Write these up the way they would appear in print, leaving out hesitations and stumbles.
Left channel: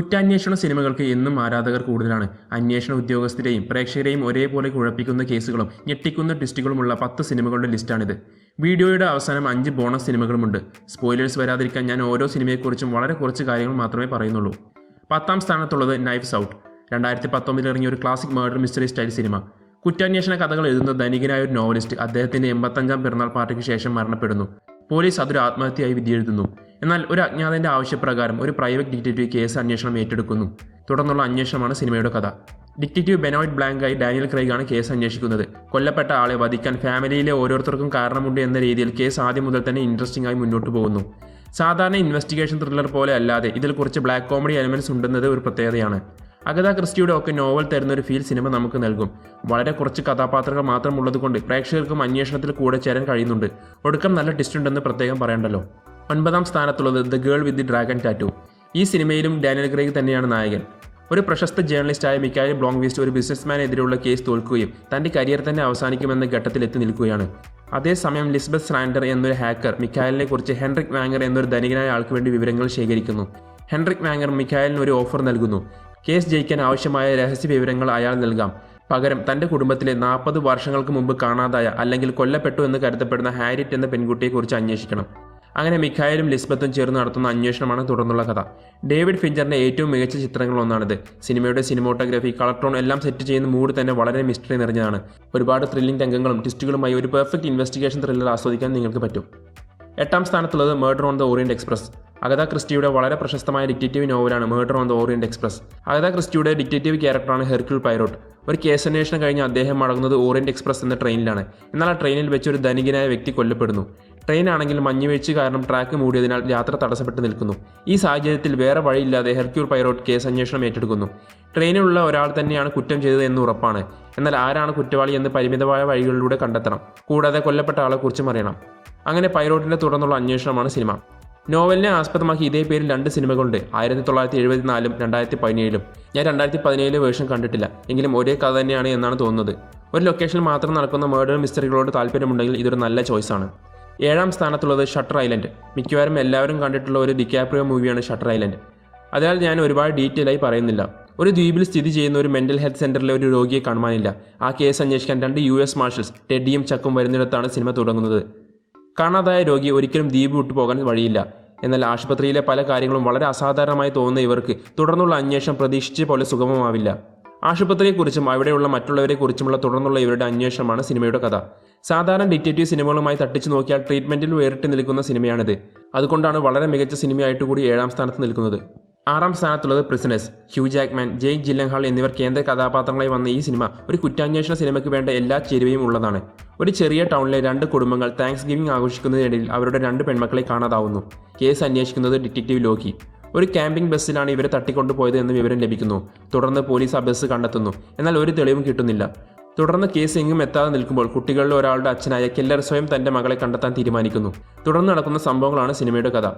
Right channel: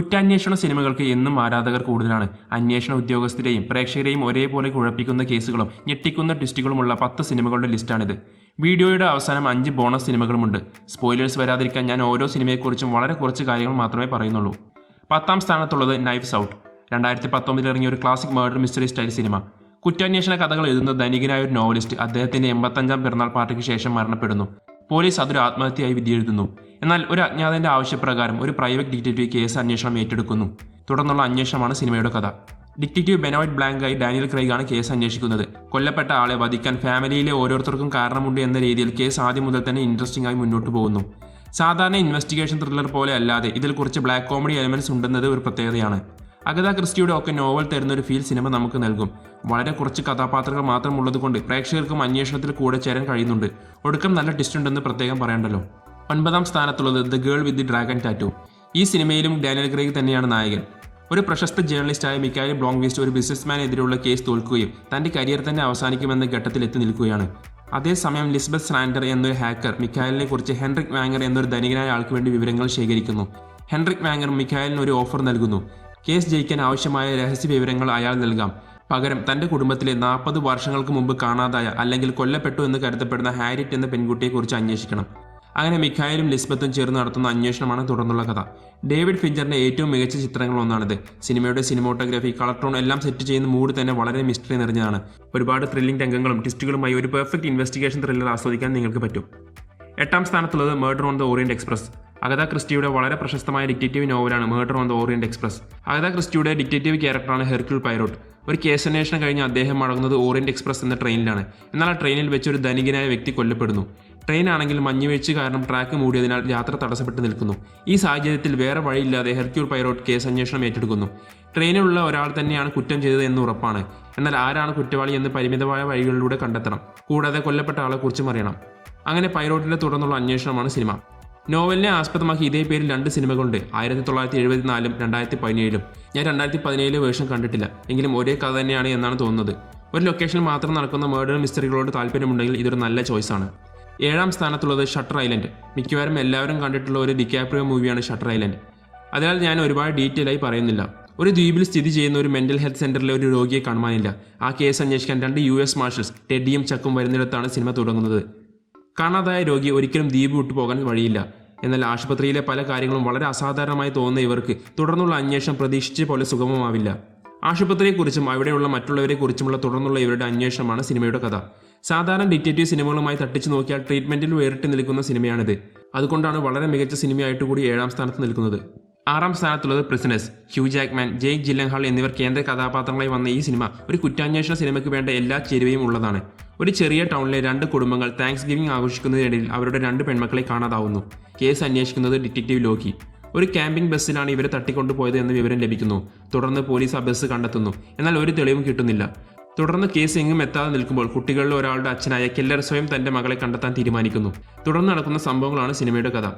കുറ്റാന്വേഷണ സിനിമകൾക്ക് എന്നും ആരാധകർ കൂടുതലാണ്. അന്വേഷണ ഉദ്യോഗസ്ഥരെയും പ്രേക്ഷകരെയും ഒരേപോലെ കുഴപ്പിക്കുന്ന കേസുകളും ഞെട്ടിക്കുന്ന ട്വിസ്റ്റുകളുമുള്ള 10 സിനിമകളുടെ ലിസ്റ്റാണിത്. വീഡിയോയുടെ അവസാനം 5 ബോണസ് സിനിമകളുമുണ്ട്. സ്പോയിലേഴ്സ് വരാതിരിക്കാൻ ഞാൻ ഓരോ സിനിമയെക്കുറിച്ചും വളരെ കുറച്ച് കാര്യങ്ങൾ മാത്രമേ പറയുന്നുള്ളൂ. 10ാം സ്ഥാനത്തുള്ളത് നൈഫ്സ് ഔട്ട്. 2019 ഇറങ്ങിയ ഒരു classic murder mystery style cinema. കുറ്റാന്വേഷണ കഥകൾ എഴുതുന്ന ധനികനായ ഒരു നോവലിസ്റ്റ് അദ്ദേഹത്തിന്റെ 85ാം പിറന്നാൾ പാർട്ടിക്ക് ശേഷം മരണപ്പെടുന്നു. പോലീസ് അതൊരു ആത്മഹത്യയായി വിധിയെഴുതുന്നു. എന്നാൽ ഒരു അജ്ഞാതന്റെ ആവശ്യപ്രകാരം ഒരു പ്രൈവറ്റ് ഡിറ്റക്റ്റീവ് കേസ് അന്വേഷണം ഏറ്റെടുക്കുന്നു. തുടർന്നുള്ള അന്വേഷണമാണ് സിനിമയുടെ കഥ. ഡിറ്റക്റ്റീവ് ബെനോയിറ്റ് ബ്ലാങ്കായി ഡാനിയൽ ക്രെയ്ഗാണ് കേസ് അന്വേഷിക്കുന്നത്. കൊല്ലപ്പെട്ട ആളെ വധിക്കാൻ ഫാമിലിയിലെ ഓരോരുത്തർക്കും കാരണമുണ്ട് എന്ന രീതിയിൽ കേസ് ആദ്യം മുതൽ തന്നെ ഇൻട്രസ്റ്റിംഗ് ആയി മുന്നോട്ട് പോകുന്നു. സാധാരണ ഇൻവെസ്റ്റിഗേഷൻ ത്രില്ലർ പോലെ അല്ലാതെ ഇതിൽ കുറച്ച് ബ്ലാക്ക് കോമഡി എലമെന്റ്സ് ഉണ്ടെന്നത് ഒരു പ്രത്യേകതയാണ്. അഗത ക്രിസ്റ്റിയുടെ ഒക്കെ നോവൽ തരുന്ന ഒരു ഫീൽ സിനിമ നമുക്ക് നൽകും. വളരെ കുറച്ച് കഥാപാത്രങ്ങൾ മാത്രമുള്ളതുകൊണ്ട് പ്രേക്ഷകർക്കും അന്വേഷണത്തിൽ കൂടെ ചേരാൻ കഴിയുന്നുണ്ട്. ഒടുക്കം നല്ല ട്വിസ്റ്റ് ഉണ്ടെന്ന് പ്രത്യേകം പറയണ്ടല്ലോ. 9ാം സ്ഥാനത്തുള്ളത് the girl with the dragon tattoo. ഈ സിനിമയിലും ഡാനിയൽ ക്രെയ്ഗ് തന്നെയാണ് നായകൻ. ഒരു പ്രശസ്ത ജേർണലിസ്റ്റായ മിക്കായൽ ബ്ലോങ്ക്വിസ്റ്റ് ഒരു ബിസിനസ്മാനെതിരെയുള്ള കേസ് തോൽക്കുകയും തന്റെ കരിയർ തന്നെ അവസാനിക്കുമെന്ന ഘട്ടത്തിൽ എത്തി നിൽക്കുകയാണ്. അതേസമയം ലിസ്ബത്ത് സ്ലാൻഡർ എന്നൊരു ഹാക്കർ മിക്കായലിനെ കുറിച്ച് ഹെൻറിക് വാങ്ങർ എന്നൊരു ധനികനായ ആൾക്ക് വേണ്ടി വിവരങ്ങൾ ശേഖരിക്കുന്നു. ഹെൻറിക് വാങ്ങർ മിക്കായലിന് ഒരു ഓഫർ നൽകുന്നു. കേസ് ജയിക്കാൻ ആവശ്യമായ രഹസ്യ വിവരങ്ങൾ അയാൾ നൽകാം. പകരം തന്റെ കുടുംബത്തിലെ 40 വർഷങ്ങൾക്ക് മുമ്പ് കാണാതായ അല്ലെങ്കിൽ കൊല്ലപ്പെട്ടു എന്ന് കരുതപ്പെടുന്ന ഹാരിറ്റ് എന്ന പെൺകുട്ടിയെക്കുറിച്ച് അന്വേഷിക്കണം. അങ്ങനെ മിഖായലും ലിസ്ബത്തും ചേർന്ന് നടത്തുന്ന അന്വേഷണമാണ് തുടർന്നുള്ള കഥ. ഡേവിഡ് ഫിഞ്ചറിന്റെ ഏറ്റവും മികച്ച ചിത്രങ്ങളൊന്നാണിത്. സിനിമയുടെ സിനിമോട്ടോഗ്രാഫി, കളർ ടോൺ എല്ലാം സെറ്റ് ചെയ്യുന്ന മൂഡ് തന്നെ വളരെ മിസ്റ്ററി നിറഞ്ഞതാണ്. ഒരുപാട് ത്രില്ലിംഗ് രംഗങ്ങളും ട്വിസ്റ്റുകളുമായി ഒരു പെർഫെക്റ്റ് ഇൻവെസ്റ്റിഗേഷൻ ത്രില്ലർ ആസ്വദിക്കാൻ നിങ്ങൾക്ക് പറ്റും. 8ാം സ്ഥാനത്തുള്ളത് murder on the Orient Express. Agatha ക്രിസ്റ്റിയുടെ വളരെ പ്രശസ്തമായ ഡിറ്റക്റ്റീവ് നോവലാണ് murder on the Orient Express. Agatha ക്രിസ്റ്റിയുടെ ഡിറ്റക്റ്റീവ് ക്യാരക്ടറാണ് ഹെർക്യൂൾ പൈറോട്ട്. ഒരു കേസന്വേഷണം കഴിഞ്ഞ് അദ്ദേഹം മടങ്ങുന്നത് ഓറിയന്റ് എക്സ്പ്രസ് എന്ന ട്രെയിനിലാണ്. എന്നാൽ ആ ട്രെയിനിൽ വെച്ച് ഒരു ധനികനായ വ്യക്തി കൊല്ലപ്പെടുന്നു. ട്രെയിനാണെങ്കിൽ മഞ്ഞുവീഴ്ച കാരണം ട്രാക്ക് മൂടിയതിനാൽ യാത്ര തടസ്സപ്പെട്ട് നിൽക്കുന്നു. ഈ സാഹചര്യത്തിൽ വേറെ വഴിയില്ലാതെ ഹെർക്യൂൾ പൈറോട്ട് കേസ് അന്വേഷണം ഏറ്റെടുക്കുന്നു. ട്രെയിനിലുള്ള ഒരാൾ തന്നെയാണ് കുറ്റം ചെയ്തത് എന്ന് ഉറപ്പാണ്. എന്നാൽ ആരാണ് കുറ്റവാളി എന്ന് പരിമിതമായ വഴികളിലൂടെ കണ്ടെത്തണം. കൂടാതെ കൊല്ലപ്പെട്ട ആളെക്കുറിച്ചും അറിയണം. അങ്ങനെ പൈറോട്ടിന്റെ തുടർന്നുള്ള അന്വേഷണമാണ് സിനിമ. നോവലിനെ ആസ്പദമാക്കി ഇതേ പേരിൽ 2 സിനിമകളുണ്ട്. 1974 2017. ഞാൻ 2017 വേർഷൻ കണ്ടിട്ടില്ല. എങ്കിലും ഒരേ കഥ തന്നെയാണ് എന്നാണ് തോന്നുന്നത്. ഒരു ലൊക്കേഷനിൽ മാത്രം നടക്കുന്ന മർഡർ മിസ്റ്ററികളോട് താല്പര്യമുണ്ടെങ്കിൽ ഇതൊരു നല്ല ചോയ്സാണ്. 7ാം സ്ഥാനത്തുള്ളത് ഷട്ടർ ഐലൻഡ്. മിക്കവാറും എല്ലാവരും കണ്ടിട്ടുള്ള ഒരു ഡിക്കാപ്രിയോ മൂവിയാണ് ഷട്ടർ ഐലൻഡ്. അതിനാൽ ഞാൻ ഒരുപാട് ഡീറ്റെയിൽ ആയി പറയുന്നില്ല. ഒരു ദ്വീപിൽ സ്ഥിതി ചെയ്യുന്ന ഒരു മെന്റൽ ഹെൽത്ത് സെന്ററിലെ ഒരു രോഗിയെ കാണുവാനില്ല. ആ കേസ് അന്വേഷിക്കാൻ 2 US മാർഷൽസ് ടെഡിയും ചക്കും വരുന്നിടത്താണ് സിനിമ തുടങ്ങുന്നത്. കാണാതായ രോഗി ഒരിക്കലും ദ്വീപ് വിട്ടുപോകാൻ വഴിയില്ല. എന്നാൽ ആശുപത്രിയിലെ പല കാര്യങ്ങളും വളരെ അസാധാരണമായി തോന്നുന്ന ഇവർക്ക് തുടർന്നുള്ള അന്വേഷണം പ്രതീക്ഷിച്ച പോലെ സുഗമമാവില്ല. ആശുപത്രിയെക്കുറിച്ചും അവിടെയുള്ള മറ്റുള്ളവരെക്കുറിച്ചുമുള്ള തുടർന്നുള്ള ഇവരുടെ അന്വേഷണമാണ് സിനിമയുടെ കഥ. സാധാരണ ഡിറ്റക്റ്റീവ് സിനിമകളുമായി തട്ടിച്ചു നോക്കിയാൽ ട്രീറ്റ്മെന്റിൽ വേറിട്ട് നിൽക്കുന്ന സിനിമയാണിത്. അതുകൊണ്ടാണ് വളരെ മികച്ച സിനിമയായിട്ട് കൂടി 7ാം സ്ഥാനത്ത് നിൽക്കുന്നത്. 6ാം സ്ഥാനത്തുള്ളത് പ്രിസണേഴ്സ്. ഹ്യൂ ജാക്ക്മാൻ, ജെയ്ക്ക് ജില്ലൻഹാൾ എന്നിവർ കേന്ദ്ര കഥാപാത്രങ്ങളായി വന്ന ഈ സിനിമ ഒരു കുറ്റാന്വേഷണ സിനിമയ്ക്ക് വേണ്ട എല്ലാ ചേരുവയും ഉള്ളതാണ്. ഒരു ചെറിയ ടൗണിലെ 2 കുടുംബങ്ങൾ താങ്ക്സ് ഗിവിംഗ് ആഘോഷിക്കുന്നതിനിടയിൽ അവരുടെ 2 പെൺമക്കളെ കാണാതാവുന്നു. കേസ് അന്വേഷിക്കുന്നത് ഡിറ്റക്റ്റീവ് ലോക്കി. ഒരു ക്യാമ്പിംഗ് ബസ്സിലാണ് ഇവരെ തട്ടിക്കൊണ്ടുപോയത് എന്ന് വിവരം ലഭിക്കുന്നു. തുടർന്ന് പോലീസ് ആ ബസ് കണ്ടെത്തുന്നു. എന്നാൽ ഒരു തെളിവും കിട്ടുന്നില്ല. തുടർന്ന് കേസ് എങ്ങും എത്താതെ നിൽക്കുമ്പോൾ കുട്ടികളിൽ ഒരാളുടെ അച്ഛനായ കെല്ലർ സ്വയം തന്റെ മകളെ കണ്ടെത്താൻ തീരുമാനിക്കുന്നു. തുടർന്ന് നടക്കുന്ന സംഭവങ്ങളാണ് സിനിമയുടെ കഥ.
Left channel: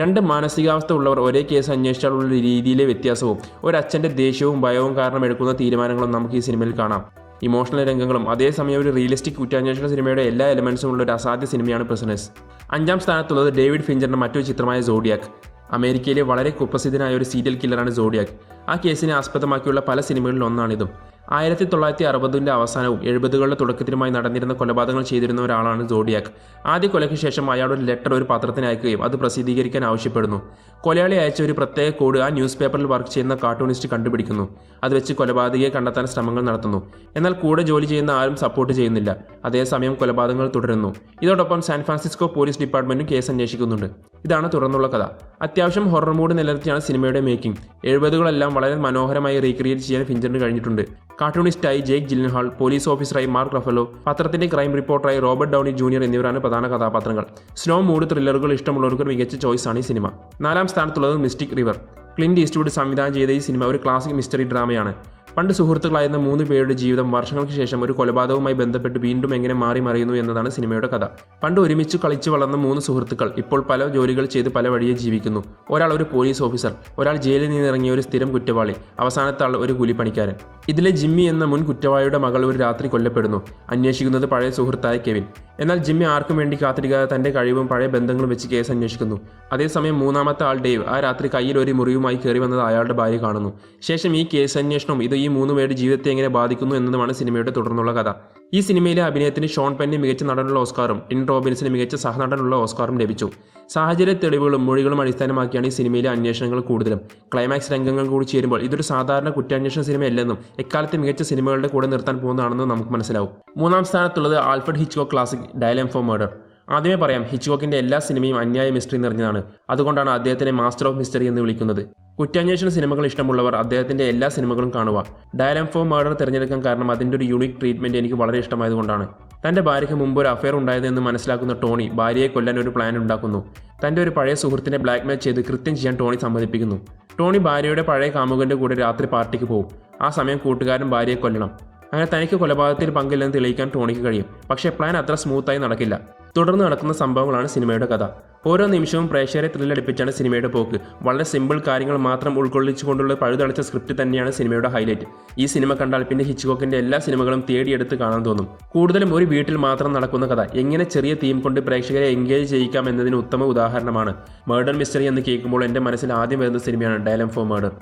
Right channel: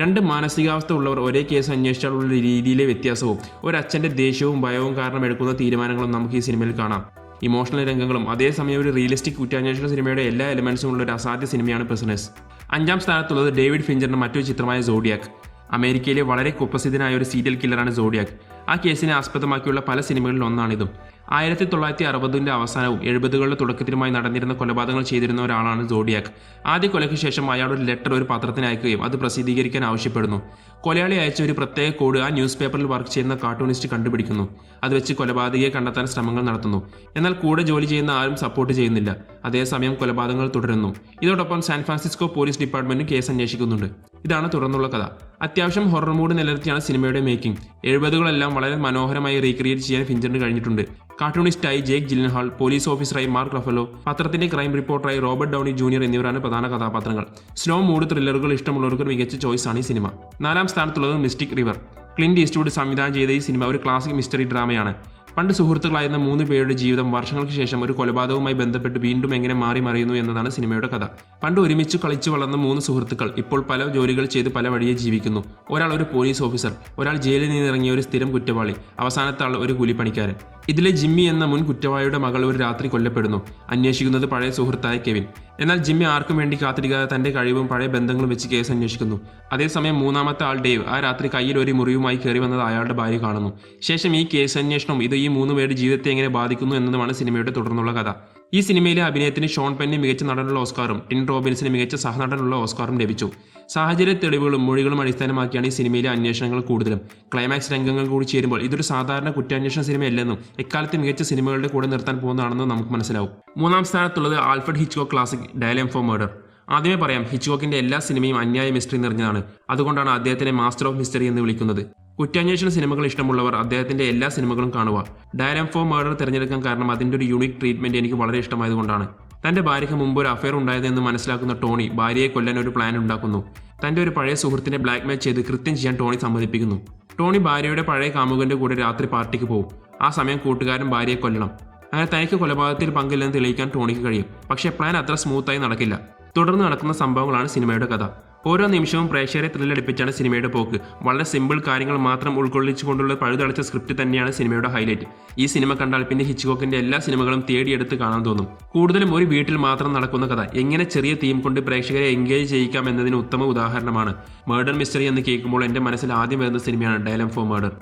2 മാനസികാവസ്ഥ ഉള്ളവർ ഒരേ കേസ് അന്വേഷിച്ചാലുള്ള രീതിയിലെ വ്യത്യാസവും ഒരച്ഛന്റെ ദേഷ്യവും ഭയവും കാരണം എടുക്കുന്ന തീരുമാനങ്ങളും നമുക്ക് ഈ സിനിമയിൽ കാണാം. ഇമോഷണൽ രംഗങ്ങളും അതേസമയം ഒരു റിയലിസ്റ്റിക് കുറ്റാന്വേഷണ സിനിമയുടെ എല്ലാ എലമെന്റ്സും ഉള്ള ഒരു അസാധ്യ സിനിമയാണ് പ്രിസണേഴ്സ്. 5ാം സ്ഥാനത്തുള്ളത് ഡേവിഡ് ഫിഞ്ചറിന്റെ മറ്റൊരു ചിത്രമായ സോഡിയാക്. അമേരിക്കയിലെ വളരെ കുപ്രസിദ്ധനായ ഒരു സീരിയൽ കില്ലറാണ് സോഡിയാക്. ആ കേസിനെ ആസ്പദമാക്കിയുള്ള പല സിനിമകളിൽ ഒന്നാണിതും. 1960 അവസാനവും 70 തുടക്കത്തിലുമായി നടന്നിരുന്ന കൊലപാതകങ്ങൾ ചെയ്തിരുന്ന ഒരാളാണ് സോഡിയാക്. ആദ്യ കൊലയ്ക്ക് ശേഷം അയാൾ ഒരു ലെറ്റർ ഒരു പത്രത്തിന് അയക്കുകയും അത് പ്രസിദ്ധീകരിക്കാൻ ആവശ്യപ്പെടുന്നു. കൊലയാളി അയച്ച ഒരു പ്രത്യേക കോഡ് ആ ന്യൂസ് പേപ്പറിൽ വർക്ക് ചെയ്യുന്ന കാർട്ടൂണിസ്റ്റ് കണ്ടുപിടിക്കുന്നു. അത് വെച്ച് കൊലപാതകയെ കണ്ടെത്താൻ ശ്രമങ്ങൾ നടത്തുന്നു. എന്നാൽ കൂടെ ജോലി ചെയ്യുന്ന ആരും സപ്പോർട്ട് ചെയ്യുന്നില്ല. അതേസമയം കൊലപാതകങ്ങൾ തുടരുന്നു. ഇതോടൊപ്പം സാൻ ഫ്രാൻസിസ്കോ പോലീസ് ഡിപ്പാർട്ട്മെന്റും കേസ് അന്വേഷിക്കുന്നുണ്ട്. ഇതാണ് തുടർന്നുള്ള കഥ. അത്യാവശ്യം ഹൊറർ മൂഡ് നിലനിർത്തിയാണ് സിനിമയുടെ മേക്കിംഗ്. 70 വളരെ മനോഹരമായി റീക്രിയേറ്റ് ചെയ്യാൻ ഫിഞ്ചറിന് കഴിഞ്ഞിട്ടുണ്ട്. കാർട്ടൂണിസ്റ്റായി ജേക്ക് ജില്ലൻഹാൾ, പോലീസ് ഓഫീസറായി മാർക്ക് റഫലോ, പത്രത്തിന്റെ ക്രൈം റിപ്പോർട്ടറായി റോബർട്ട് ഡൗണി ജൂനിയർ എന്നിവരാണ് പ്രധാന കഥാപാത്രങ്ങൾ. സ്ലോ മൂഡ് ത്രില്ലറുകൾ ഇഷ്ടമുള്ളവർക്ക് മികച്ച ചോയ്സാണ് ഈ സിനിമ. 4ാം സ്ഥാനത്തുള്ളത് മിസ്റ്റിക് റിവർ. ക്ലിന്റ് ഈസ്റ്റ്വുഡ് സംവിധാനം ചെയ്ത ഈ സിനിമ ഒരു ക്ലാസിക് മിസ്റ്ററി ഡ്രാമയാണ്. പണ്ട് സുഹൃത്തുക്കളായിരുന്ന 3 പേരുടെ ജീവിതം വർഷങ്ങൾക്ക് ശേഷം ഒരു കൊലപാതകവുമായി ബന്ധപ്പെട്ട് വീണ്ടും എങ്ങനെ മാറി മറിയുന്നു എന്നതാണ് സിനിമയുടെ കഥ. പണ്ട് ഒരുമിച്ച് കളിച്ചു വളർന്ന 3 സുഹൃത്തുക്കൾ ഇപ്പോൾ പല ജോലികൾ ചെയ്ത് പല വഴിയെ ജീവിക്കുന്നു. ഒരാൾ ഒരു പോലീസ് ഓഫീസർ, ഒരാൾ ജയിലിൽ നിന്നിറങ്ങിയ ഒരു സ്ഥിരം കുറ്റവാളി, അവസാനത്തെ ആൾ ഒരു കൂലിപ്പണിക്കാരൻ. ഇതിലെ ജിമ്മി എന്ന മുൻ കുറ്റവാളിയുടെ മകൾ ഒരു രാത്രി കൊല്ലപ്പെടുന്നു. അന്വേഷിക്കുന്നത് പഴയ സുഹൃത്തായ കെവിൻ. എന്നാൽ ജിമ്മി ആർക്കും വേണ്ടി കാത്തിരിക്കാതെ തന്റെ കഴിവും പഴയ ബന്ധങ്ങളും വെച്ച് കേസ് അന്വേഷിക്കുന്നു. അതേസമയം മൂന്നാമത്തെ ആൾ ഡേവ് ആ രാത്രി കയ്യിൽ ഒരു മുറിവുമായി കയറി വന്നത് അയാളുടെ ഭാര്യ കാണുന്നു. ശേഷം ഈ കേസ് അന്വേഷണവും ഇത് ഈ 3 പേരുടെ ജീവിതത്തെ എങ്ങനെ ബാധിക്കുന്നു എന്നതുമാണ് സിനിമയുടെ തുടർന്നുള്ള കഥ. ഈ സിനിമയിലെ അഭിനയത്തിന് ഷോൺ പെന്നിന് മികച്ച നടനുള്ള ഓസ്കാറും ടിൻ റോബിൻസിന് മികച്ച സഹനടനുള്ള ഓസ്കാറും ലഭിച്ചു. സാഹചര്യ തെളിവുകളും മൊഴികളും അടിസ്ഥാനമാക്കിയാണ് ഈ സിനിമയിലെ അന്വേഷണങ്ങൾ കൂടുതലും. ക്ലൈമാക്സ് രംഗങ്ങൾ കൂടി ചേരുമ്പോൾ ഇതൊരു സാധാരണ കുറ്റാന്വേഷണ സിനിമയല്ലെന്നും എക്കാലത്തെ മികച്ച സിനിമകളുടെ കൂടെ നിർത്താൻ പോകുന്നതാണെന്നും നമുക്ക് മനസ്സിലാവും. 3-ാം സ്ഥാനത്തുള്ളത് Alfred Hitchcock classic dial M for murder. ആദ്യമേ പറയാം, ഹിച്ച്കോക്കിന്റെ എല്ലാ സിനിമയും അന്യായ മിസ്റ്ററി നിറഞ്ഞതാണ്. അതുകൊണ്ടാണ് അദ്ദേഹത്തിനെ മാസ്റ്റർ ഓഫ് മിസ്റ്ററി എന്ന് വിളിക്കുന്നത്. കുറ്റാന്വേഷണ സിനിമകൾ ഇഷ്ടമുള്ളവർ അദ്ദേഹത്തിന്റെ എല്ലാ സിനിമകളും കാണുക. ഡയലം ഫോർ മർഡർ തിരഞ്ഞെടുക്കാൻ കാരണം അതിന്റെ ഒരു യൂണിക് ട്രീറ്റ്മെന്റ് എനിക്ക് വളരെ ഇഷ്ടമായതുകൊണ്ടാണ്. തന്റെ ഭാര്യയ്ക്ക് മുമ്പ് ഒരു അഫയർ ഉണ്ടായതെന്ന് മനസ്സിലാക്കുന്ന ടോണി ഭാര്യയെ കൊല്ലാൻ ഒരു പ്ലാൻ ഉണ്ടാക്കുന്നു. തന്റെ ഒരു പഴയ സുഹൃത്തിനെ ബ്ലാക്ക്മെയിൽ ചെയ്ത് കൃത്യം ചെയ്യാൻ ടോണി സമ്മതിപ്പിക്കുന്നു. ടോണി ഭാര്യയുടെ പഴയ കാമുകന്റെ കൂടെ രാത്രി പാർട്ടിക്ക് പോകും. ആ സമയം കൂട്ടുകാരൻ ഭാര്യയെ കൊല്ലണം. അങ്ങനെ തനിക്ക് കൊലപാതകത്തിൽ പങ്കില്ലെന്ന് തെളിയിക്കാൻ ടോണിക്ക് കഴിയും. പക്ഷേ പ്ലാൻ അത്ര സ്മൂത്തായി നടക്കില്ല. തുടർന്ന് നടക്കുന്ന സംഭവങ്ങളാണ് സിനിമയുടെ കഥ. ഓരോ നിമിഷവും പ്രേക്ഷകരെ ത്രില്ലടിപ്പിച്ചാണ് സിനിമയുടെ പോക്ക്. വളരെ സിമ്പിൾ കാര്യങ്ങൾ മാത്രം ഉൾക്കൊള്ളിച്ചുകൊണ്ടുള്ള പഴുതടച്ച സ്ക്രിപ്റ്റ് തന്നെയാണ് സിനിമയുടെ ഹൈലൈറ്റ്. ഈ സിനിമ കണ്ടാൽ പിന്നെ ഹിച്ച്കോക്കിന്റെ എല്ലാ സിനിമകളും തേടിയെടുത്ത് കാണാൻ തോന്നും. കൂടുതലും ഒരു വീട്ടിൽ മാത്രം നടക്കുന്ന കഥ എങ്ങനെ ചെറിയ തീം കൊണ്ട് പ്രേക്ഷകരെ എൻഗേജ് ചെയ്യിക്കാം എന്നതിന് ഉത്തമ ഉദാഹരണമാണ്. മർഡർ മിസ്റ്ററി എന്ന് കേൾക്കുമ്പോൾ എൻ്റെ മനസ്സിൽ ആദ്യം വരുന്ന സിനിമയാണ് ഡയലം ഫോർ മർഡർ.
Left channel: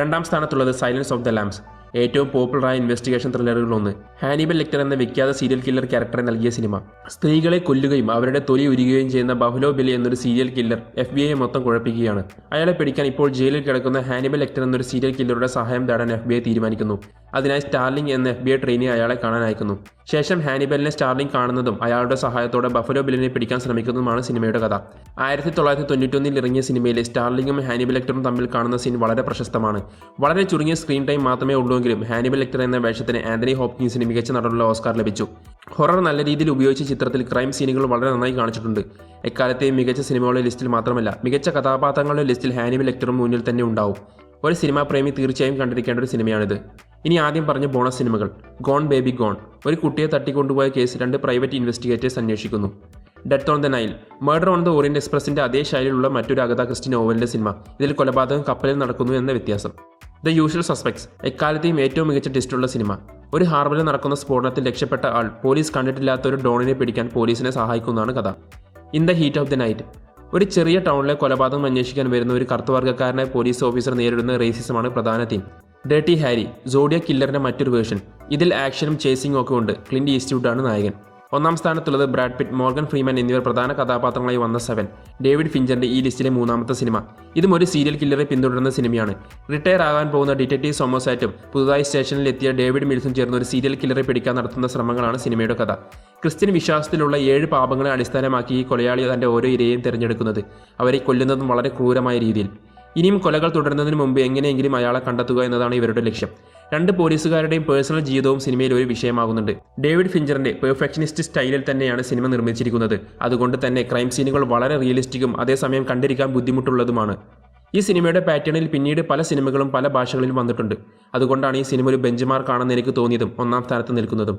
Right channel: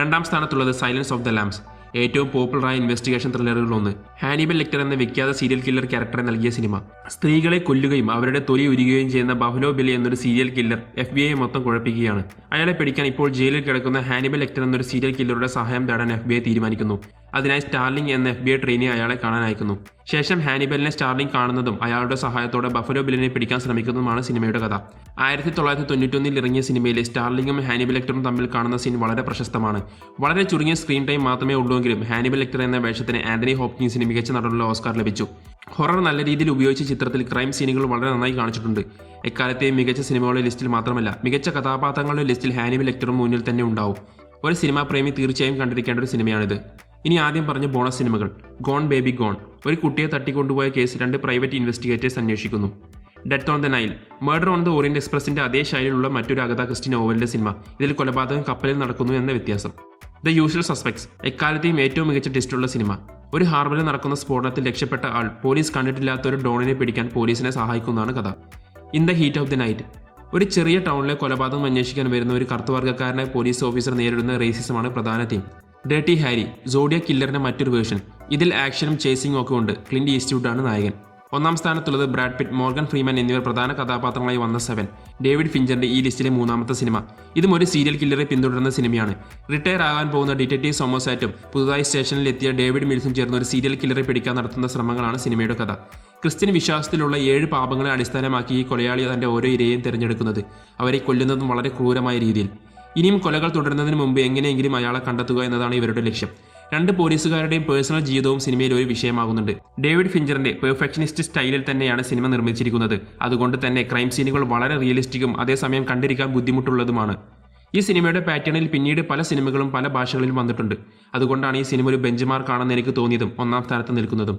2-ാം സ്ഥാനത്തുള്ളത് സൈലൻസ് ഓഫ് ദ ലാംബ്സ്. ഏറ്റവും പോപ്പുലറായ ഇൻവെസ്റ്റിഗേഷൻ ത്രില്ലറുകളൊന്ന്. ഹാനിബൽ ലെക്ടർ എന്ന വിഖ്യാത സീരിയൽ കില്ലർ ക്യാരക്ടറെ നൽകിയ സിനിമ. സ്ത്രീകളെ കൊല്ലുകയും അവരുടെ തൊലി ഉരിയുകയും ചെയ്യുന്ന ബഫലോ ബിൽ എന്നൊരു സീരിയൽ കില്ലർ FBI മൊത്തം കുഴപ്പിക്കുകയാണ്. അയാളെ പിടിക്കാൻ ഇപ്പോൾ ജയിലിൽ കിടക്കുന്ന ഹാനിബൽ ലെക്ടർ എന്നൊരു സീരിയൽ കില്ലറുടെ സഹായം തേടാൻ FBI തീരുമാനിക്കുന്നു. അതിനായി സ്റ്റാർലിംഗ് എന്ന FBI ട്രെയിനി അയാളെ കാണാൻ അയക്കുന്നു. ശേഷം ഹാനിബലിനെ സ്റ്റാർലിംഗ് കാണുന്നതും അയാളുടെ സഹായത്തോടെ ബഫലോ ബില്ലിനെ പിടിക്കാൻ ശ്രമിക്കുന്നതുമാണ് സിനിമയുടെ കഥ. 1991 ഇറങ്ങിയ സിനിമയിലെ സ്റ്റാർലിംഗും ഹാനിബൽ ലെക്ടറും തമ്മിൽ കാണുന്ന സീൻ വളരെ പ്രശസ്തമാണ്. വളരെ ചുരുങ്ങിയ സ്ക്രീൻ ടൈം മാത്രമേ ഉള്ളൂവെങ്കിലും ഹാനിബൽ ലെക്ടർ എന്ന വേഷത്തിന് ആന്റണി ഹോപ്കിൻസിന് മികച്ച നടനുള്ള ഓസ്കാർ ലഭിച്ചു. ഹൊറർ നല്ല രീതിയിൽ ഉപയോഗിച്ച ചിത്രത്തിൽ ക്രൈം സീനുകൾ വളരെ നന്നായി കാണിച്ചിട്ടുണ്ട്. എക്കാലത്തെയും മികച്ച സിനിമകളുടെ ലിസ്റ്റിൽ മാത്രമല്ല, മികച്ച കഥാപാത്രങ്ങളുടെ ലിസ്റ്റിൽ ഹാനിബൽ ലെക്ടറും മുന്നിൽ തന്നെ ഉണ്ടാവും. ഒരു സിനിമാ പ്രേമി തീർച്ചയായും കണ്ടിരിക്കേണ്ട ഒരു സിനിമയാണിത്. ഇനി ആദ്യം പറഞ്ഞ ബോണസ് സിനിമകൾ. Gone baby gone. ഒരു കുട്ടിയെ തട്ടിക്കൊണ്ടുപോയ കേസ് 2 പ്രൈവറ്റ് ഇൻവെസ്റ്റിഗേറ്റേഴ്സ് അന്വേഷിക്കുന്നു. Death on the Nile. Murder on the Orient എക്സ്പ്രസിന്റെ അതേ ശൈലിയിലുള്ള മറ്റൊരു അഗത ക്രിസ്റ്റി നോവലിന്റെ സിനിമ. ഇതിൽ കൊലപാതകം കപ്പലിൽ നടക്കുന്നു എന്ന വ്യത്യാസം. The usual suspects. എക്കാലത്തെയും ഏറ്റവും മികച്ച ടെസ്റ്റുള്ള സിനിമ. ഒരു ഹാർബറിൽ നടക്കുന്ന സ്ഫോടനത്തിൽ രക്ഷപ്പെട്ട ആൾ പോലീസ് കണ്ടിട്ടില്ലാത്ത ഒരു ഡോണിനെ പിടിക്കാൻ പോലീസിനെ സഹായിക്കുന്നതാണ് കഥ. In the heat of the night. ഒരു ചെറിയ ടൗണിലെ കൊലപാതകം അന്വേഷിക്കാൻ വരുന്ന ഒരു കറുത്തവർഗ്ഗക്കാരനായ പോലീസ് ഓഫീസർ നേരിടുന്ന റേസിസമാണ് പ്രധാന തീം. Dirty Harry. സോഡിയ കില്ലറിന്റെ മറ്റൊരു വേർഷൻ. ഇതിൽ ആക്ഷനും ചേസിംഗും ഒക്കെ ഉണ്ട്. ക്ലിന്റ് ഈസ്റ്റ്വുഡാണ് നായകൻ. 1-ാം സ്ഥാനത്തുള്ളത് ബ്രാഡ് പിറ്റ്, മോർഗൻ ഫ്രീമാൻ എന്നിവർ പ്രധാന കഥാപാത്രങ്ങളായി വന്ന 7. ഡേവിഡ് ഫിഞ്ചറിന്റെ ഈ ലിസ്റ്റിലെ 3-ാമത്തെ സിനിമ. ഇതും ഒരു സീരിയൽ കില്ലറെ പിന്തുടരുന്ന സിനിമയാണ്. റിട്ടയർ ആകാൻ പോകുന്ന ഡിറ്റക്റ്റീവ് സോമോസാറ്റും പുതുതായി സ്റ്റേഷനിൽ എത്തിയ ഡേവിഡ് മിൽസും ചേർന്ന് ഒരു സീരിയൽ കില്ലറെ പിടിക്കാൻ നടത്തുന്ന ശ്രമങ്ങളാണ് സിനിമയുടെ കഥ. ക്രിസ്ത്യൻ വിശ്വാസത്തിലുള്ള 7 പാപങ്ങളെ അടിസ്ഥാനമാക്കി ഈ കൊലയാളി തന്റെ ഓരോ ഇരയെയും തിരഞ്ഞെടുക്കുന്നത്. അവരെ കൊല്ലുന്നതും വളരെ ക്രൂരമായ രീതിയിൽ. ഇനിയും കൊലകൾ തുടരുന്നതിന് മുമ്പ് എങ്ങനെയെങ്കിലും അയാളെ കണ്ടെത്തുക എന്നതാണ് ഇവരുടെ ലക്ഷ്യം. 2 പോലീസുകാരുടെയും പേഴ്സണൽ ജീവിതവും സിനിമയിൽ ഒരു വിഷയമാകുന്നുണ്ട്. ഡേവിഡ് ഫിഞ്ചറിന്റെ പെർഫെക്ഷനിസ്റ്റ് സ്റ്റൈലിൽ തന്നെയാണ് സിനിമ നിർമ്മിച്ചിരിക്കുന്നത്. അതുകൊണ്ട് തന്നെ ക്രൈം സീനുകൾ വളരെ റിയലിസ്റ്റിക്കും അതേസമയം കണ്ടിരിക്കാൻ ബുദ്ധിമുട്ടുള്ളതുമാണ്. ഈ സിനിമയുടെ പാറ്റേണിൽ പിന്നീട് പല സിനിമകളും പല ഭാഷകളിലും വന്നിട്ടുണ്ട്. അതുകൊണ്ടാണ് ഈ സിനിമ ഒരു ബെഞ്ച് മാർക്കാണെന്ന് എനിക്ക് തോന്നിയതും 1-ാം സ്ഥാനത്ത് നിൽക്കുന്നതും.